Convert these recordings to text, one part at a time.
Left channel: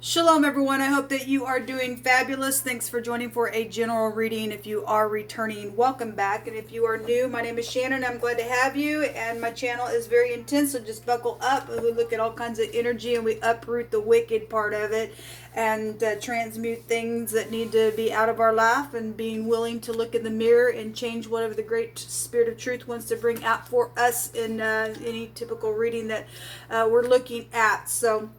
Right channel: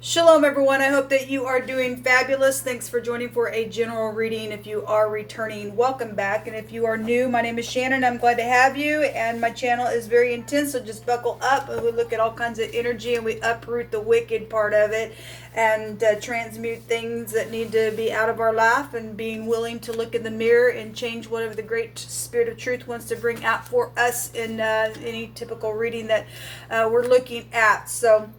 Shalom, everyone. I hope that you are doing fabulous. Thanks for joining for a general reading. If you are returning, welcome back. And if you are new, my name is Shannon. I'm glad to have you. And my channel is very intense, so just buckle up. We look at all kinds of energy and we uproot the wicked part of it and transmute things that need to be out of our life, and being willing to look in the mirror and change whatever the great spirit of truth wants to bring out for us in any typical reading that we're looking at. So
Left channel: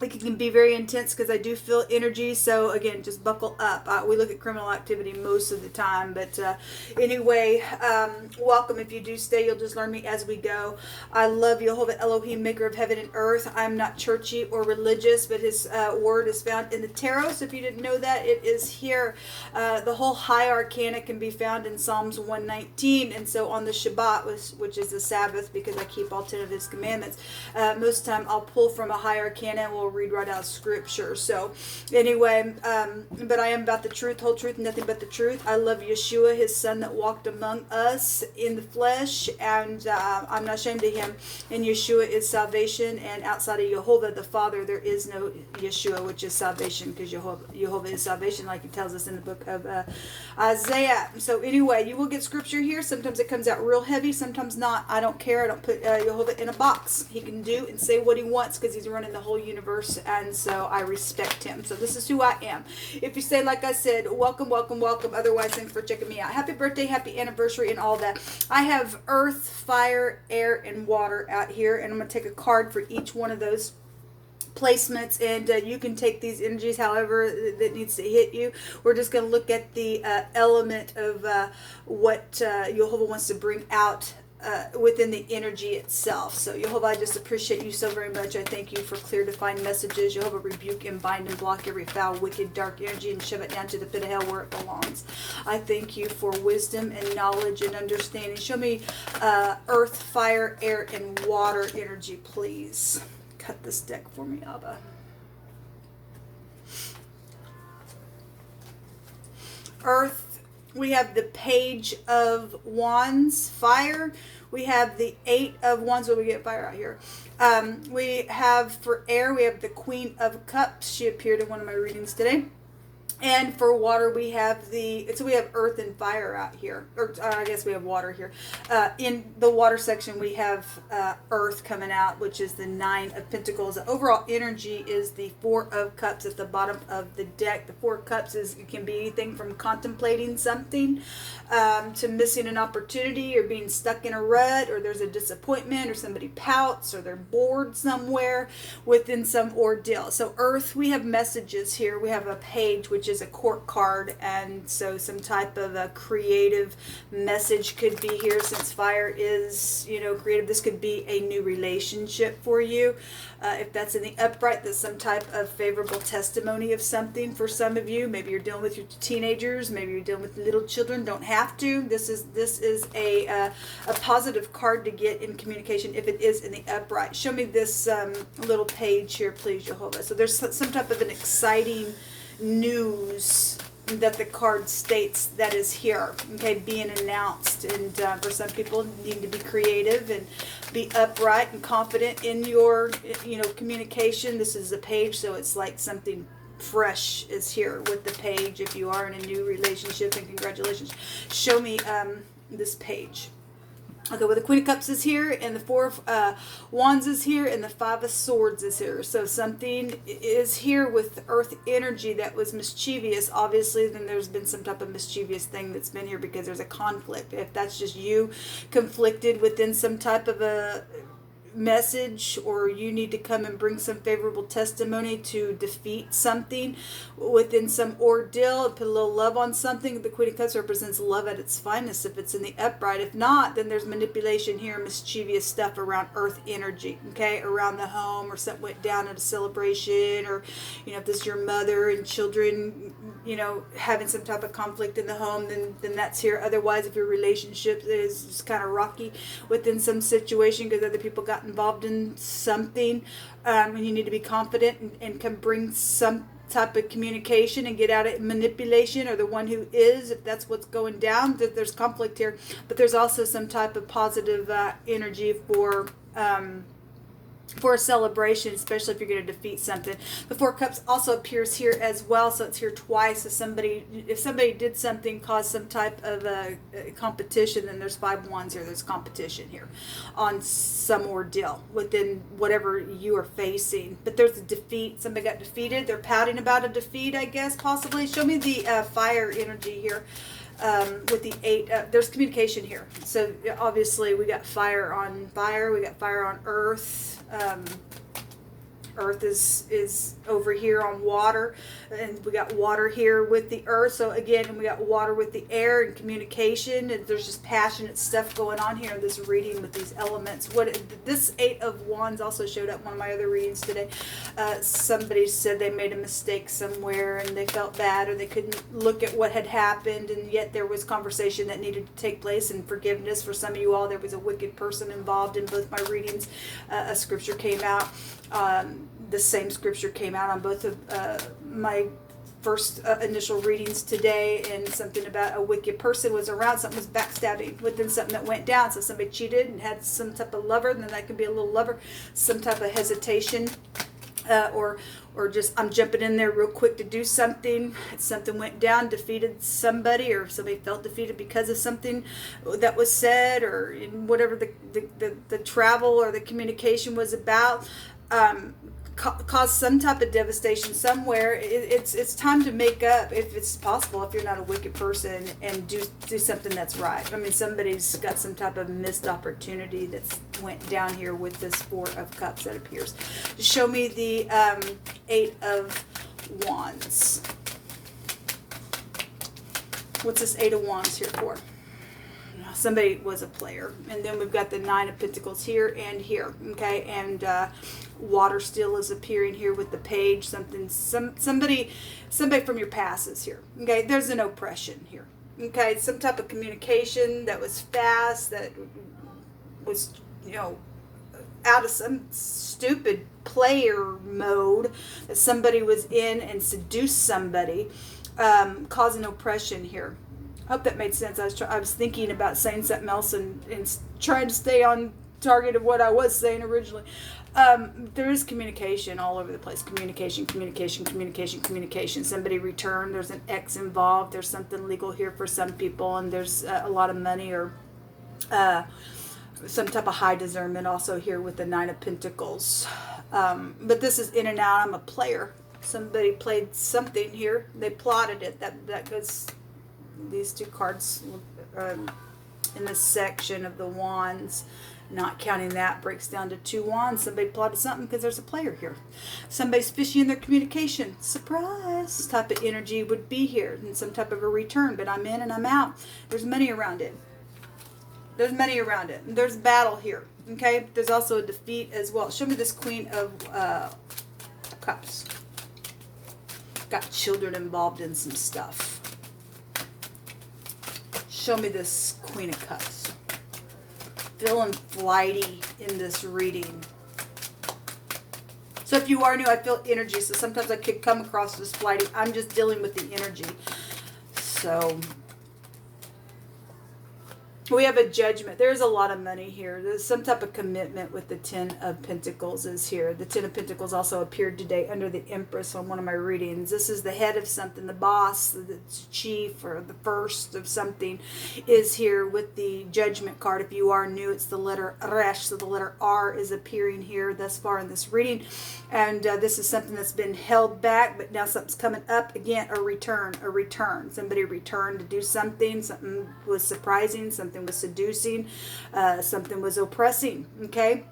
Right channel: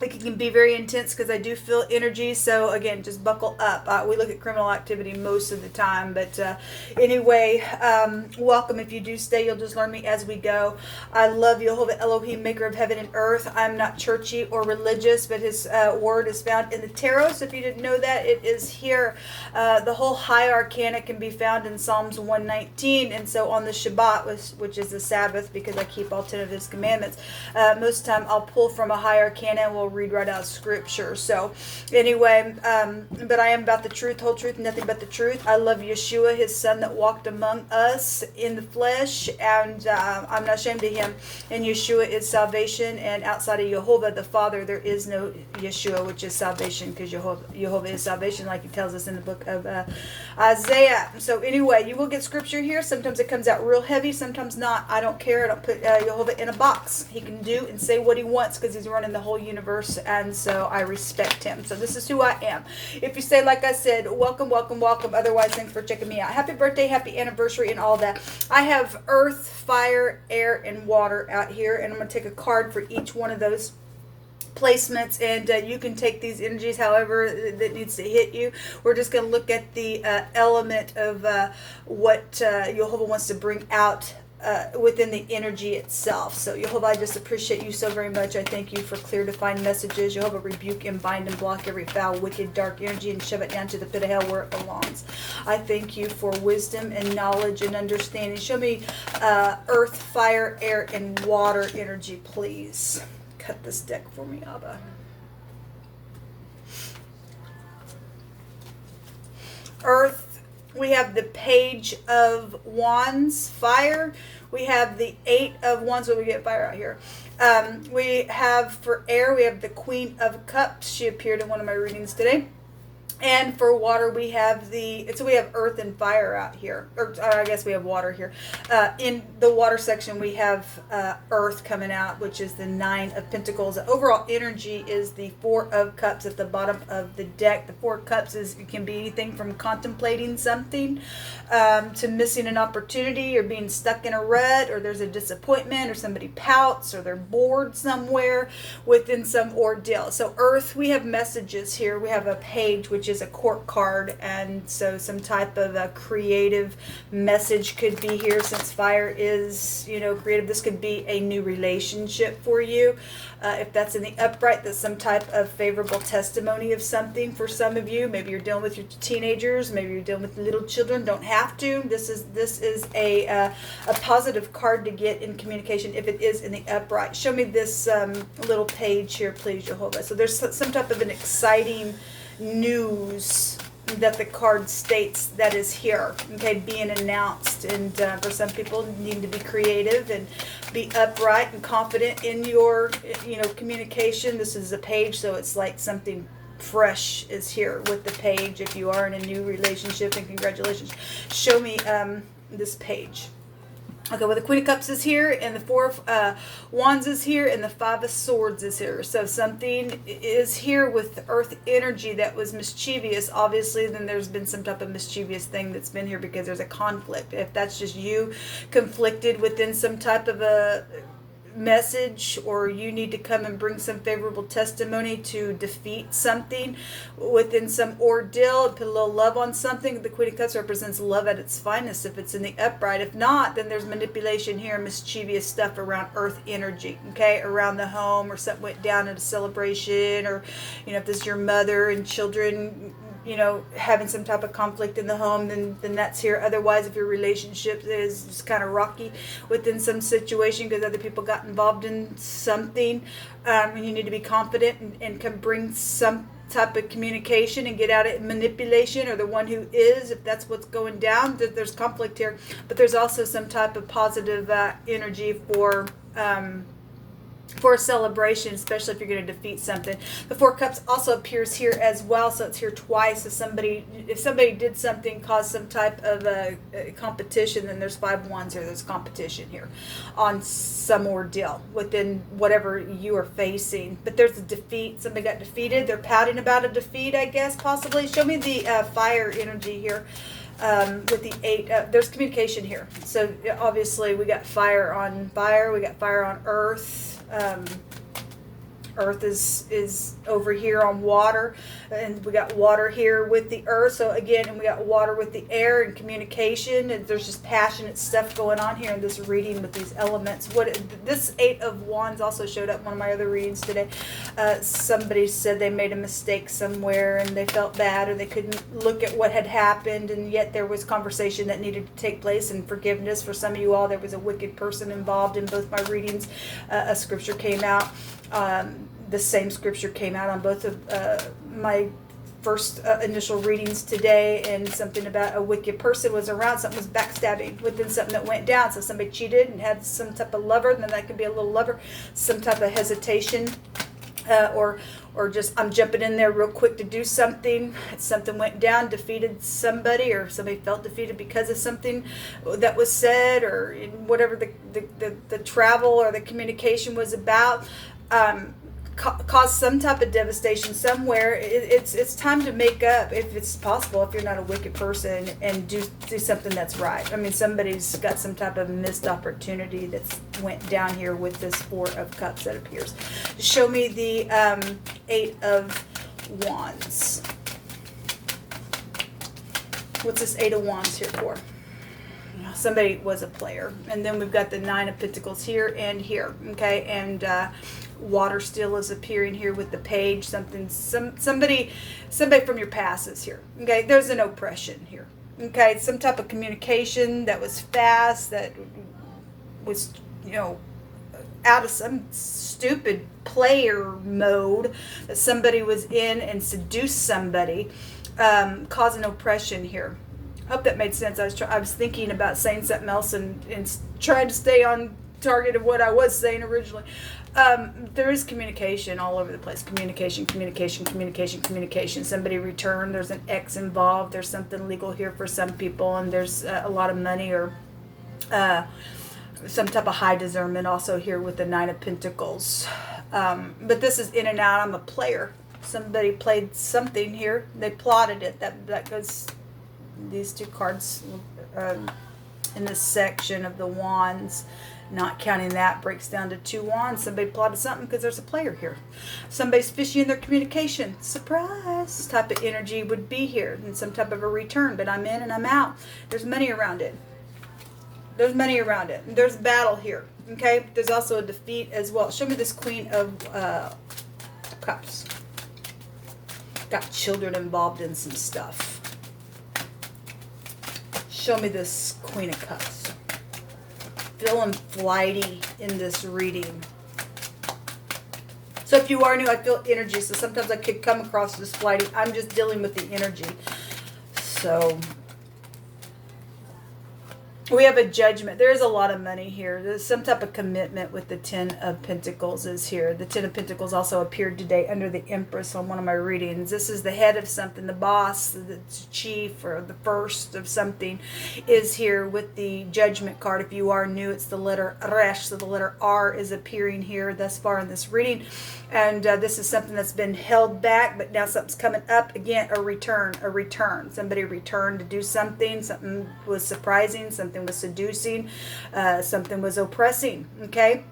it can be very intense because I do feel energy. So again, just buckle up. We look at criminal activity most of the time, but anyway, welcome. If you do stay, you'll just learn me as we go. I love Jehovah Elohim, maker of heaven and earth. I'm not churchy or religious, but his word is found in the tarot. So if you didn't know that, it is here. The whole high arcana can be found in Psalms 119. And so on the Shabbat, which is the Sabbath, because I keep all 10 of his commandments, most of the time I'll pull from a high arcana and we'll read right out of scripture. So anyway, but I am about the truth, whole truth, nothing but the truth. I love Yeshua, his son that walked among us in the flesh, and I'm not ashamed of him. And Yeshua is salvation, and outside of Jehovah the Father there is no Yeshua, which is salvation, because Jehovah is salvation, like he tells us in the book of Isaiah. So anyway, you will get scripture here. Sometimes it comes out real heavy, sometimes not. I don't care. I don't put Jehovah in a box. He can do and say what he wants because he's running the whole universe, and so I respect him. So this is who I am. If you say, like I said, welcome, welcome, welcome. Otherwise, thanks for checking me out. Happy birthday, happy anniversary, and all that. I have earth, fire, air, and water out here, and I'm going to take a card for each one of those placements, and you can take these energies however that needs to hit you. We're just going to look at the element of what Jehovah wants to bring out within the energy itself. So Jehovah, I just appreciate you so very much. I thank you for clear, defined messages. Jehovah, rebuke and bind and block every foul, wicked, dark energy and shove it down to the pit of hell where it belongs. I thank you for wisdom and knowledge and understanding. Show me earth, fire, air, and water energy, please. Cut this deck for me, Abba. Earth, we have the Page of Wands. Fire, we have the Eight of Wands. What do we get fire out here? We have for air, we have the Queen of Cups. She appeared in one of my readings today. And for water, we have we have earth and fire out here. Or I guess we have water here. In the water section, we have earth coming out, which is the Nine of Pentacles. The overall energy is the Four of Cups at the bottom of the deck. The Four of Cups can be anything from contemplating something to missing an opportunity, or being stuck in a rut, or there's a disappointment, or somebody pouts, or they're bored somewhere within some ordeal. So earth, we have messages here. We have a page, which is a court card, and so some type of a creative message could be here. Since fire is, creative, this could be a new relationship for you. If that's in the upright, that's some type of favorable testimony of something for some of you. Maybe you're dealing with your teenagers, maybe you're dealing with little children. Don't have to. This is a positive card to get in communication if it is in the upright. Show me this little page here, please, Jehovah. So there's some type of an exciting news that the card states that is here, okay, being announced. And for some people, need to be creative and be upright and confident in your communication. This is a page, so it's like something fresh is here with the page. If you are in a new relationship, and congratulations. Show me this page. Okay, well, the Queen of Cups is here, and the Four of Wands is here, and the Five of Swords is here. So something is here with earth energy that was mischievous. Obviously, then there's been some type of mischievous thing that's been here because there's a conflict. If that's just you conflicted within some type of a message, or you need to come and bring some favorable testimony to defeat something within some ordeal, put a little love on something. The Queen of Cups represents love at its finest if it's in the upright. If not, then there's manipulation here, mischievous stuff around earth energy, okay, around the home, or something went down at a celebration, or if this is your mother and children having some type of conflict in the home, then that's here. Otherwise, if your relationship is just kind of rocky within some situation because other people got involved in something, and you need to be confident and can bring some type of communication and get out of manipulation, or the one who is, if that's what's going down, there's conflict here. But there's also some type of positive energy for for a celebration, especially if you're going to defeat something. The Four Cups also appears here as well, so it's here twice. So if somebody did something, caused some type of a competition, then there's 5 wands here. There's competition here on some ordeal within whatever you are facing. But there's a defeat. Somebody got defeated. They're pouting about a defeat, I guess, possibly. Show me the fire energy here. With the 8, there's communication here. So obviously we got fire on fire, we got fire on earth. Earth is over here on water, and we got water here with the earth. So again, and we got water with the air and communication, and there's just passionate stuff going on here in this reading with these elements. This 8 of Wands also showed up in one of my other readings today. Somebody said they made a mistake somewhere and they felt bad, or they couldn't look at what had happened, and yet there was conversation that needed to take place and forgiveness. For some of you all, there was a wicked person involved in both my readings. A scripture came out. The same scripture came out on both of my first initial readings today, and something about a wicked person was around. Something was backstabbing within something that went down. So somebody cheated and had some type of lover, and then that could be a little lover, some type of hesitation, or just I'm jumping in there real quick to do something. Something went down, defeated somebody, or somebody felt defeated because of something that was said, or whatever the travel or the communication was about. Cause some type of devastation somewhere. It's time to make up, if it's possible, if you're not a wicked person, and do something that's right. I mean, somebody's got some type of missed opportunity that's went down here with this 4 of Cups that appears. Show me the 8 of Wands. What's this 8 of Wands here for? Somebody was a player. And then we've got the 9 of Pentacles here and here. Okay, and water still is appearing here with the Page. Somebody from your past is here. Okay, there's an oppression here. Okay, some type of communication that was fast, that was, out of some stupid player mode that somebody was in and seduced somebody, causing oppression here. Hope that made sense. I was thinking about saying something else and trying to stay on target of what I was saying originally. There is communication all over the place. Communication. Somebody returned. There's an ex involved. There's something legal here for some people, and there's a lot of money, or some type of high discernment also here with the 9 of Pentacles. But this is in and out. I'm a player. Somebody played something here. They plotted it. That goes... These 2 cards in this section of the Wands, not counting that, breaks down to 2 wands. Somebody plotted something because there's a player here. Somebody's fishy in their communication. Surprise type of energy would be here, and some type of a return, but I'm in and I'm out. There's money around it. There's money around it. And there's battle here. Okay? There's also a defeat as well. Show me this Queen of Cups. Got children involved in some stuff. Show me this Queen of Cups. Feeling flighty in this reading. So if you are new, I feel energy. So sometimes I could come across as flighty. I'm just dealing with the energy. So we have a judgment. There is a lot of money here. There's some type of commitment with the 10 of Pentacles is here. The 10 of Pentacles also appeared today under the Empress on one of my readings. This is the head of something, the boss, the chief, or the first of something is here with the Judgment card. If you are new, it's the letter Resh. So the letter R is appearing here thus far in this reading. And this is something that's been held back, but now something's coming up. Again, a return. Somebody returned to do something. Something was surprising. Something was seducing. Something was oppressing. Okay?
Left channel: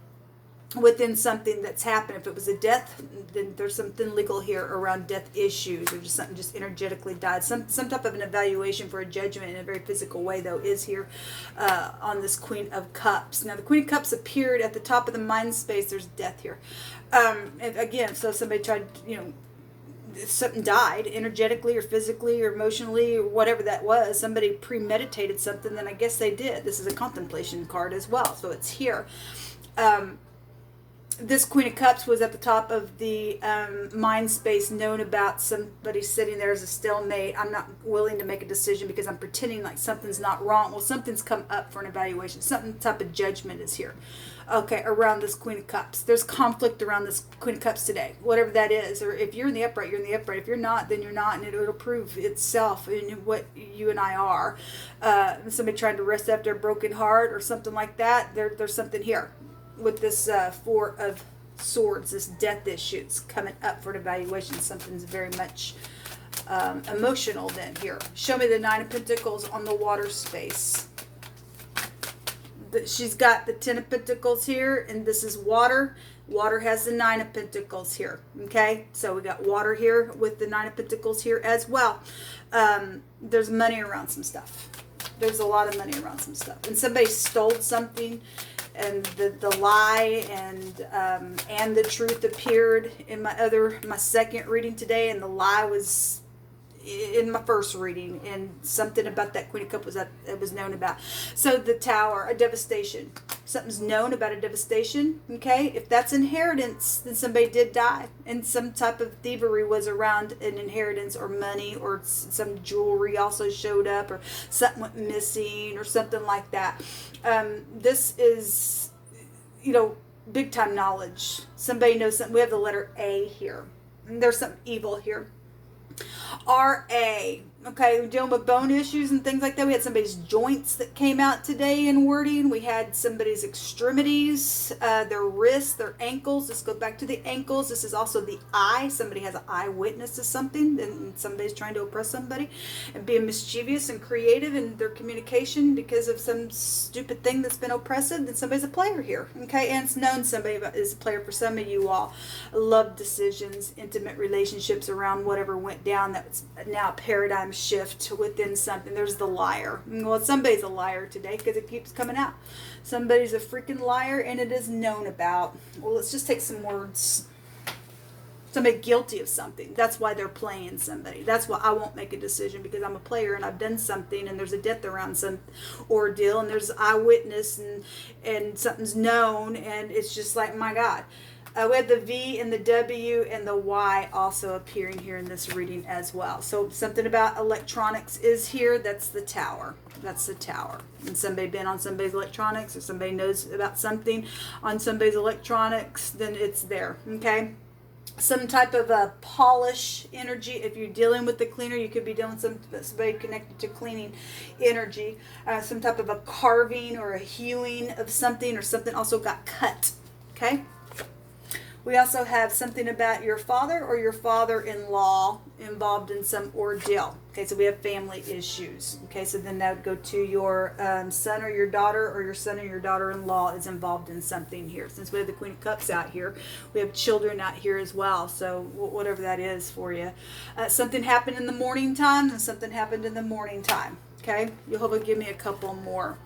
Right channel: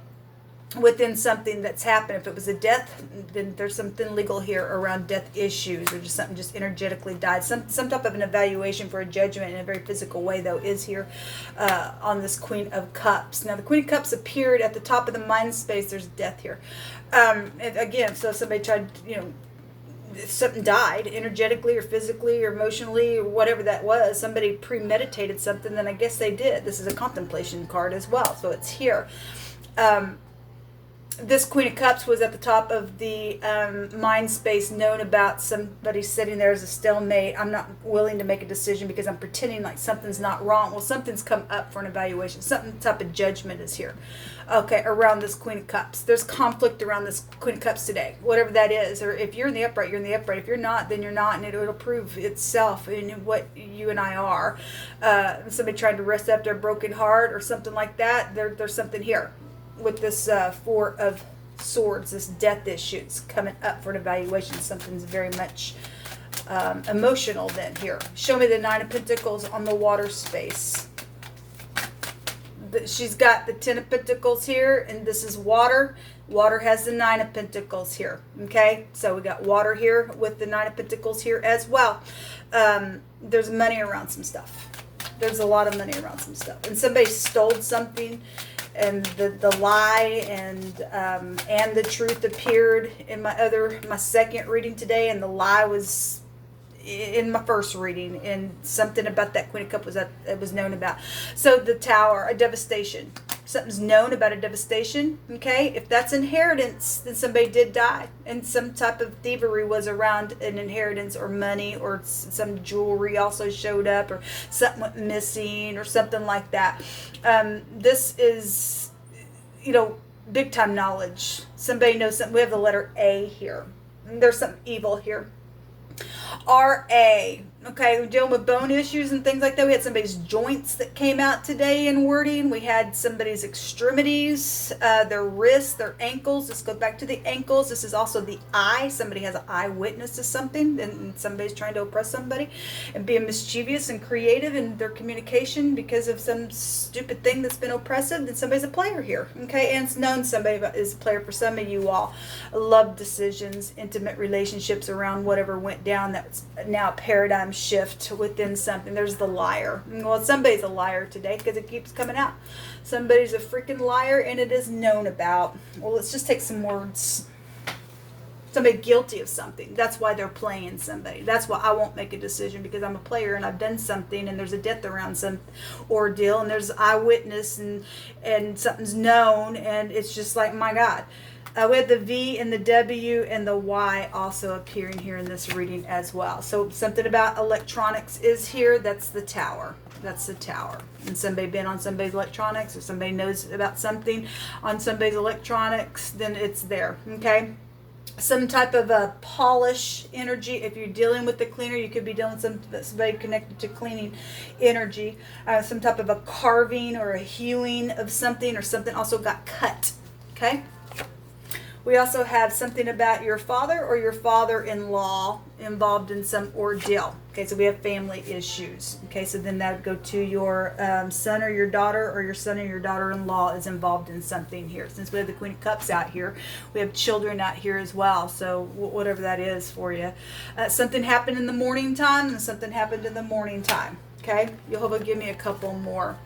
Within something that's happened. If it was a death, then there's something legal here around death issues, or just something just energetically died. Some type of an evaluation for a judgment in a very physical way, though, is here on this Queen of Cups. Now, the Queen of Cups appeared at the top of the mind space. There's death here. And again, so somebody tried, something died energetically or physically or emotionally or whatever that was. Somebody premeditated something, then I guess they did. This is a contemplation card as well, so it's here. This Queen of Cups was at the top of the mind space, known about somebody sitting there as a stalemate. I'm not willing to make a decision because I'm pretending like something's not wrong. Well, something's come up for an evaluation. Some type of judgment is here. Okay, around this Queen of Cups. There's conflict around this Queen of Cups today, whatever that is. Or if you're in the upright, you're in the upright. If you're not, then you're not, and it'll prove itself in what you and I are. Somebody trying to rest up their broken heart or something like that. There's something here with this Four of Swords, this death issue. It's coming up for an evaluation. Something's very much emotional then here. Show me the Nine of Pentacles on the water space. She's got the Ten of Pentacles here, and this is water. Water has the Nine of Pentacles here. Okay, so we got water here with the Nine of Pentacles here as well. There's money around some stuff. There's a lot of money around some stuff, and somebody stole something, and the lie and the truth appeared in my second reading today, and the lie was in my first reading, and something about that Queen of Cups was known about. So the Tower, a devastation. Something's known about a devastation. Okay, if that's inheritance, then somebody did die, and some type of thievery was around an inheritance, or money, or some jewelry also showed up, or something went missing, or something like that. This is, big time knowledge. Somebody knows something. We have the letter A here, and there's something evil here. R.A. Okay, we're dealing with bone issues and things like that. We had somebody's joints that came out today in wording. We had somebody's extremities, their wrists, their ankles. Let's go back to the ankles. This is also the eye. Somebody has an eyewitness to something, and somebody's trying to oppress somebody and being mischievous and creative in their communication because of some stupid thing that's been oppressive. And somebody's a player here. Okay, and it's known somebody is a player for some of you all. Love decisions, intimate relationships around whatever went down. That's now a paradigm shift within something. There's the liar. Well, somebody's a liar today because it keeps coming out. Somebody's a freaking liar, and it is known about. Well, let's just take some words. Somebody guilty of something. That's why they're playing somebody. That's why I won't make a decision, because I'm a player and I've done something, and there's a death around some ordeal, and there's eyewitness, and something's known, and it's just like, my God. We had the V and the W and the Y also appearing here in this reading as well. So something about electronics is here. That's the Tower. That's the Tower. And somebody been on somebody's electronics, or somebody knows about something on somebody's electronics, then it's there. Okay. Some type of a polish energy. If you're dealing with the cleaner, you could be dealing with somebody connected to cleaning energy. Some type of a carving or a hewing of something, or something also got cut. Okay. We also have something about your father or your father-in-law involved in some ordeal. Okay, so we have family issues. Okay, so then that would go to your son or your daughter, or your son or your daughter-in-law is involved in something here. Since we have the Queen of Cups out here, we have children out here as well. So whatever that is for you. Something happened in the morning time, and something happened in the morning time. Okay, you'll give me a couple more.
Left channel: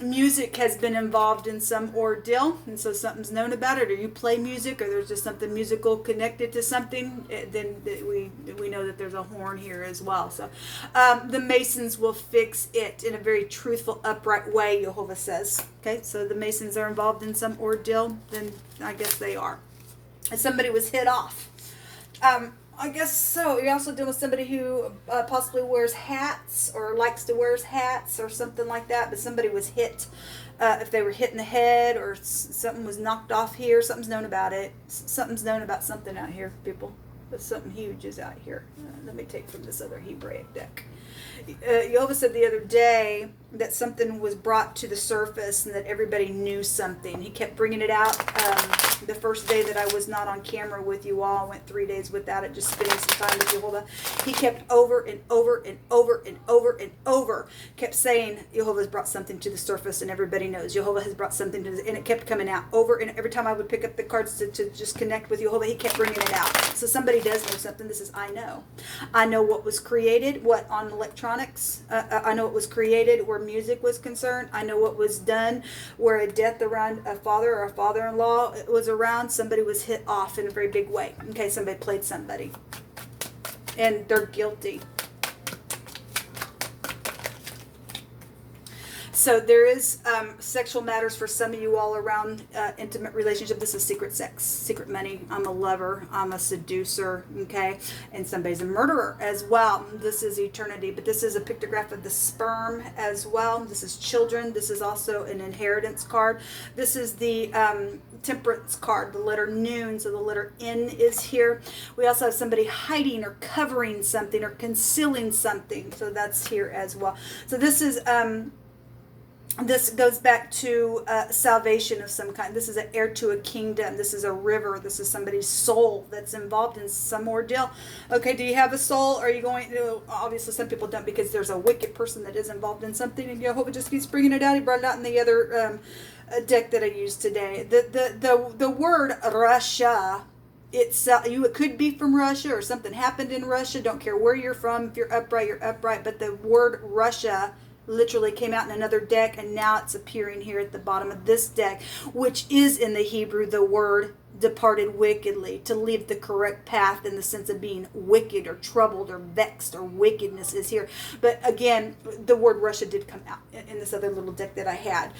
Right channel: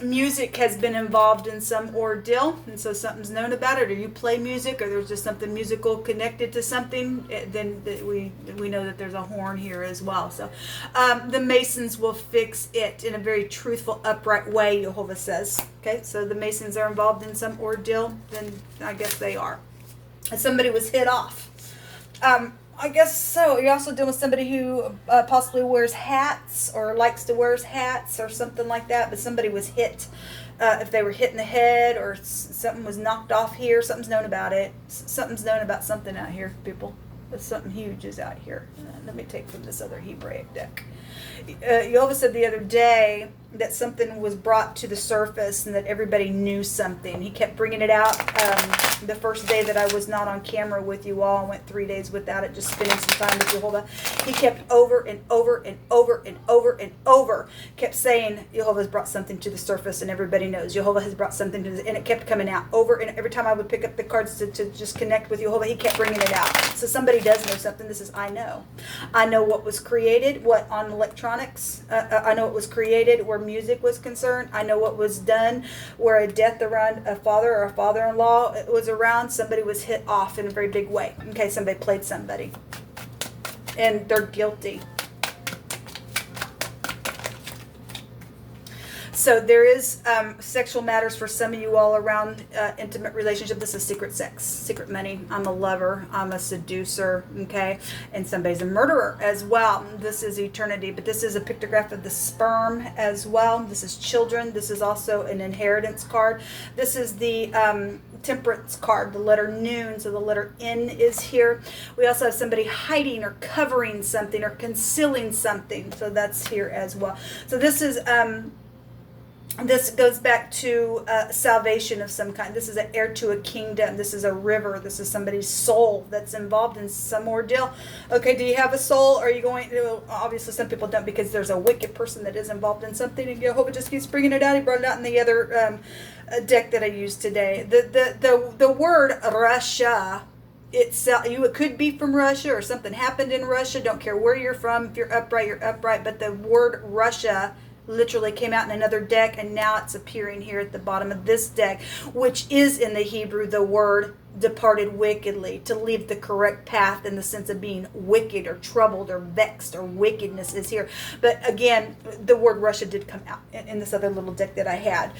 Music has been involved in some ordeal, and so something's known about it, or you play music, or there's just something musical connected to something, then we know that there's a horn here as well. So the Masons will fix it in a very truthful, upright way, Jehovah says. Okay, so the Masons are involved in some ordeal, then I guess they are. And somebody was hit off. I guess so. You're also dealing with somebody who possibly wears hats, or likes to wear hats, or something like that. But somebody was hit. If they were hit in the head, or something was knocked off here, something's known about it. Something's known about something out here, people. But something huge is out here. Let me take from this other Hebraic deck. Yehovah said the other day that something was brought to the surface, and that everybody knew something. He kept bringing it out. The first day that I was not on camera with you all, I went 3 days without it, just spending some time with Yehovah. He kept over and over and over and over and over, kept saying Yehovah has brought something to the surface, and everybody knows Yehovah has brought something to the, and it kept coming out over, and every time I would pick up the cards to just connect with Yehovah, he kept bringing it out. So somebody does know something. This is, I know what was created, what on electronics, I know what was created where music was concerned. I know what was done where a death around a father or a father-in-law was around. Somebody was hit off in a very big way. Okay, somebody played somebody, and they're guilty. So there is sexual matters for some of you all around intimate relationship. This is secret sex, secret money. I'm a lover. I'm a seducer. Okay, and somebody's a murderer as well. This is eternity, but this is a pictograph of the sperm as well. This is children. This is also an inheritance card. This is the temperance card, the letter noon. So the letter N is here. We also have somebody hiding or covering something or concealing something. So that's here as well. So this is this goes back to salvation of some kind. This is an heir to a kingdom. This is a river. This is somebody's soul that's involved in some ordeal. Okay, do you have a soul? Are you going to, obviously some people don't, because there's a wicked person that is involved in something, and Jehovah just keeps bringing it out. He brought it out in the other deck that I used today. The word Russia, it's it could be from Russia, or something happened in Russia. Don't care where you're from. If you're upright, you're upright. But the word Russia literally came out in another deck, and now it's appearing here at the bottom of this deck, which is in the Hebrew the word departed wickedly, to leave the correct path, in the sense of being wicked or troubled or vexed, or wickedness is here. But again, the word Russia did come out in this other little deck that I had.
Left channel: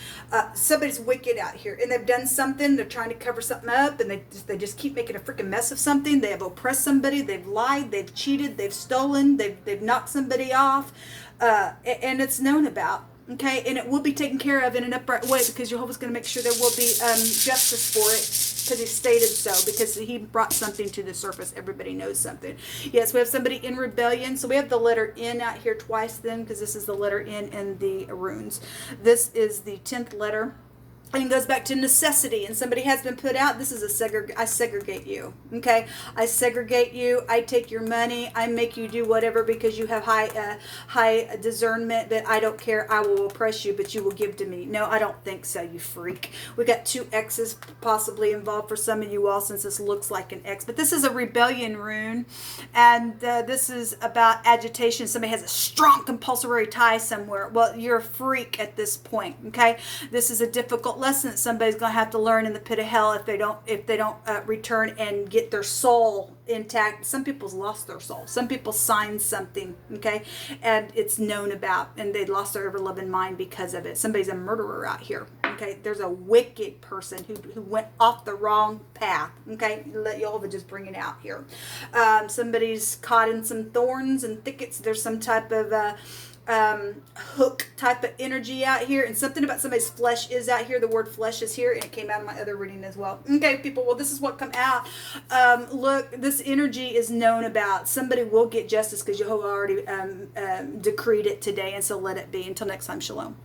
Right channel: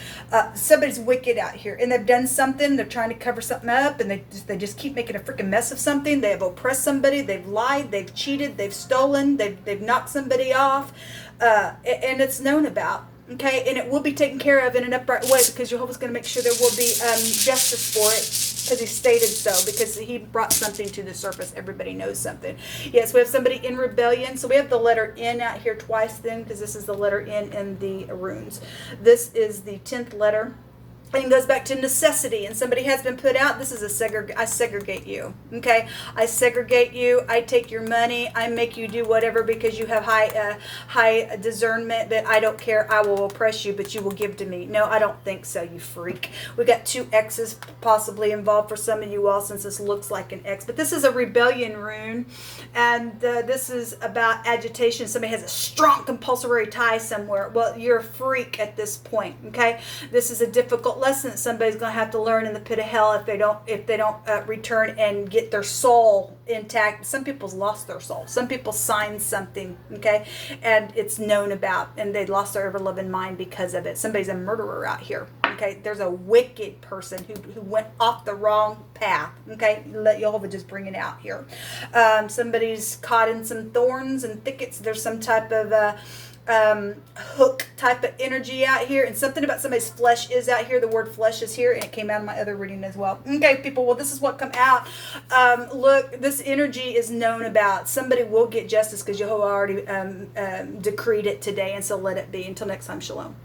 Somebody's wicked out here, and they've done something. They're trying to cover something up, and they just keep making a freaking mess of something. They have oppressed somebody. They've lied. They've cheated. They've stolen. They've knocked somebody off. And it's known about, okay, and it will be taken care of in an upright way, because Jehovah's going to make sure there will be justice for it, because he stated so, because he brought something to the surface. Everybody knows something. Yes, we have somebody in rebellion. So we have the letter N out here twice then, because this is the letter N in the runes. This is the 10th letter. And it goes back to necessity, and somebody has been put out. This is I segregate you, okay? I segregate you. I take your money. I make you do whatever, because you have high discernment, that I don't care. I will oppress you, but you will give to me. No, I don't think so, you freak. We got 2 X's possibly involved for some of you all, since this looks like an X. But this is a rebellion rune, and this is about agitation. Somebody has a strong compulsory tie somewhere. Well, you're a freak at this point, okay? This is a difficult lesson that somebody's going to have to learn in the pit of hell if they don't return and get their soul intact. Some people's lost their soul. Some people signed something, okay, and it's known about, and they lost their ever loving mind because of it. Somebody's a murderer out here, okay? There's a wicked person who went off the wrong path, okay? Let Jehovah just bring it out here. Somebody's caught in some thorns and thickets. There's some type of hook type of energy out here, and something about somebody's flesh is out here. The word flesh is here, and it came out in my other reading as well. Okay, people, well, this is what come out. Look, this energy is known about. Somebody will get justice, because Jehovah already decreed it today, and so let it be. Until next time, shalom.